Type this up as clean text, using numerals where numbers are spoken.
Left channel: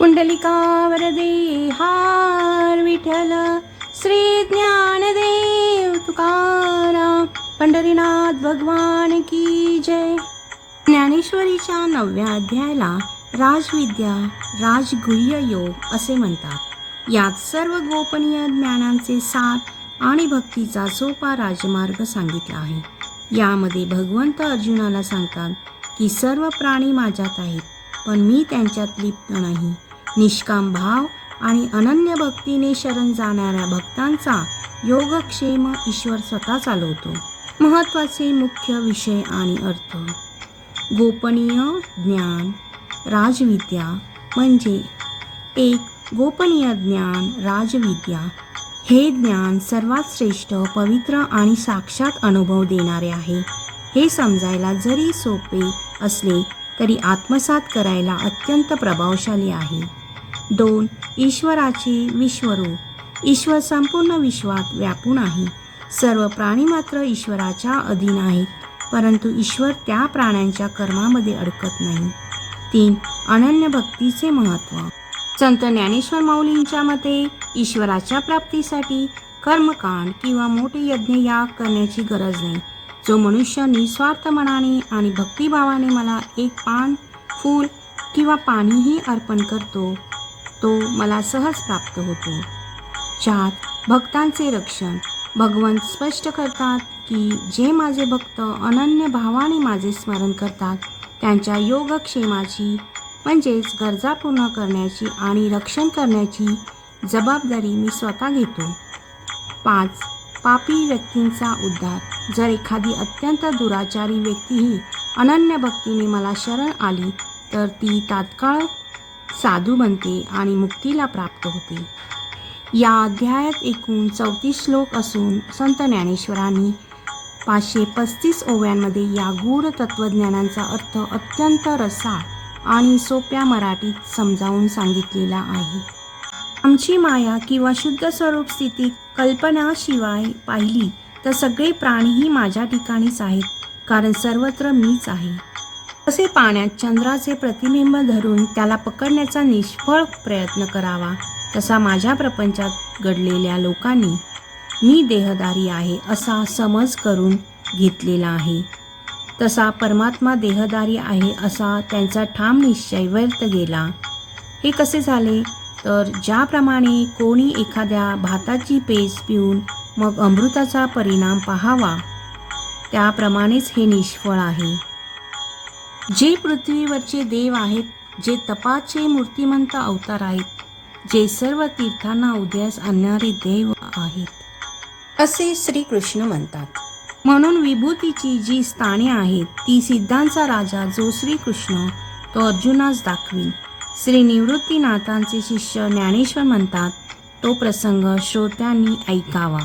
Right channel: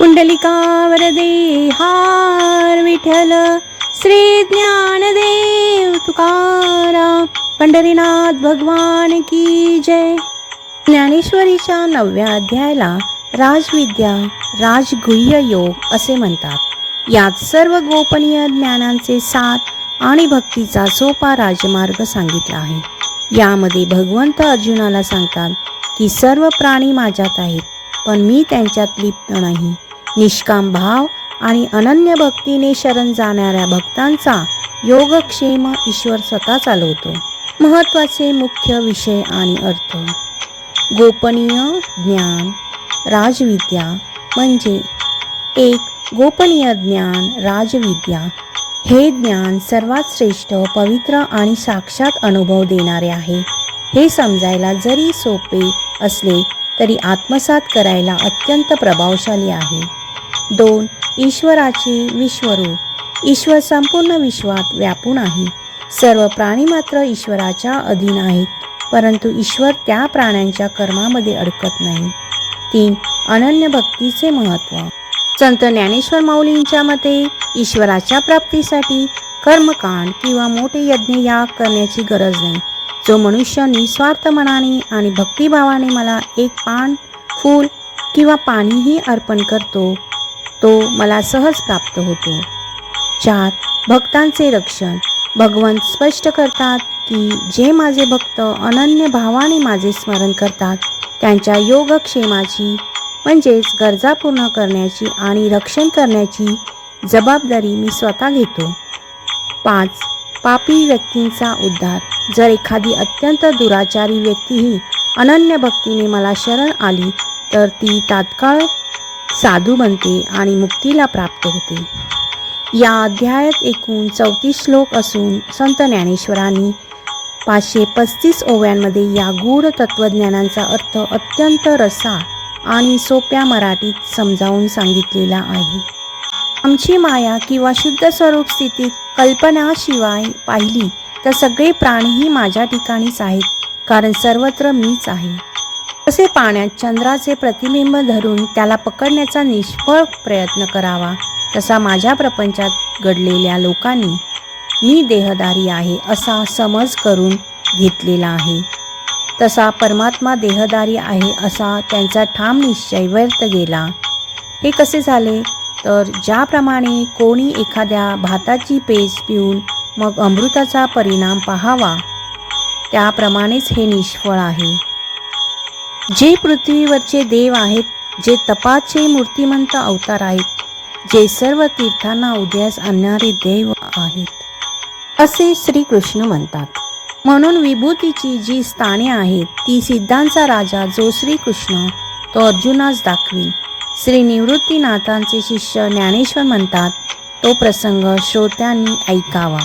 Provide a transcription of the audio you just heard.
पुंडलिका वरदे हार विठ्ठल श्री ज्ञानदेव तुकाराम पंढरीनाथ भगवान की जय. ज्ञानेश्वरीच्या 9व्या अध्यायाला राजविद्या राजगुह्य योग असे म्हणतात. यात सर्व गोपनीय ज्ञानांचे सार आणि भक्तीचा सोपा राजमार्ग सांगितला आहे. यामध्ये भगवंत अर्जुनाला सांगतात की सर्व प्राणी माझ्यात आहेत, पण मी त्यांच्यात लिप्त नाही. निष्काम भाव आणि अनन्य भक्तीने शरण जाणाऱ्या भक्तांचा योगक्षेम ईश्वर स्वतः चालवतो. महत्त्वाचे मुख्य विषय आणि अर्थ. गोपनीय ज्ञान राजविद्या म्हणजे 1. गोपनीय ज्ञान राजविद्या. हे ज्ञान सर्वात श्रेष्ठ, पवित्र आणि साक्षात अनुभव देणारे आहे. हे समजायला जरी सोपे असले तरी आत्मसात करायला अत्यंत प्रभावशाली आहे. 2. ईश्वराचे विश्वरूप. ईश्वर संपूर्ण विश्वात व्यापून आहे. सर्व प्राणी मात्र ईश्वराच्या अधीन आहेत, परंतु ईश्वर त्या प्राण्यांच्या कर्मामध्ये अडकत नाही. 3. अनन्य भक्तीचे महत्त्व. संत ज्ञानेश्वर माऊलींच्या मते ईश्वराच्या प्राप्तीसाठी कर्मकांड किंवा मोठे यज्ञ याग करण्याची गरज नाही. जो मनुष्य निस्वार्थ मनाने आणि भक्तिभावाने मला एक पान, फूल किंवा पाणीही अर्पण करतो, तो मला सहज प्राप्त होतो. 4. भक्तांचे रक्षण. भगवंत स्पष्ट करतात की जे माझे भक्त अनन्य भावाने माझे स्मरण करतात त्यांच्या योगक्षेमाची म्हणजेच गरजा पूर्ण करण्याची आणि रक्षण करण्याची जबाबदारी मी स्वतः घेतो. 5. पापी व्यक्तींचा उद्धार. जर एखादी अत्यंत दुराचारी व्यक्तीही अनन्य भक्तीने मला शरण आली तर ती तात्काळ साधू बनते आणि मुक्तीला प्राप्त होते. या अध्यायात एकूण 34 श्लोक असून संत ज्ञानेश्वरांनी 535 ओव्यांमध्ये या गूढ तत्वज्ञानांचा अर्थ अत्यंत रसाळ आणि सोप्या मराठीत समजावून सांगितलेला आहे. आमची माया किंवा शुद्ध स्वरूप स्थितीत कल्पनाशिवाय पाहिली तर सगळे प्राणीही माझ्या ठिकाणीच आहेत, कारण सर्वत्र मीच आहे. तसे पाण्यात चंद्राचे प्रतिबिंब धरून त्याला पकडण्याचा निष्फळ प्रयत्न करावा, तसा माझ्या प्रपंचात घडलेल्या लोकांनी मी देहधारी आहे असा समज करून घेतलेला आहे. तसा परमात्मा देहधारी आहे असा त्यांचा ठाम निश्चय व्यर्थ गेला. हे कसे झाले तर ज्याप्रमाणे कोणी एखाद्या भाताची पेज पिऊन मग अमृताचा परिणाम पाहावा, त्याप्रमाणेच हे निष्फळ आहे. जे पृथ्वीवरचे देव आहेत, जे तपाचे मूर्तिमंत अवतार आहेत, जे सर्व तीर्थांना उदयास आणणारे देव आहेत, असे श्रीकृष्ण म्हणतात. म्हणून विभूतीची जी स्थाने आहेत ती सिद्धांचा राजा जो श्रीकृष्ण तो अर्जुनास दाखवी. श्री निवृत्तीनाथांचे शिष्य ज्ञानेश्वर म्हणतात, तो प्रसंग श्रोत्यांनी ऐकावा.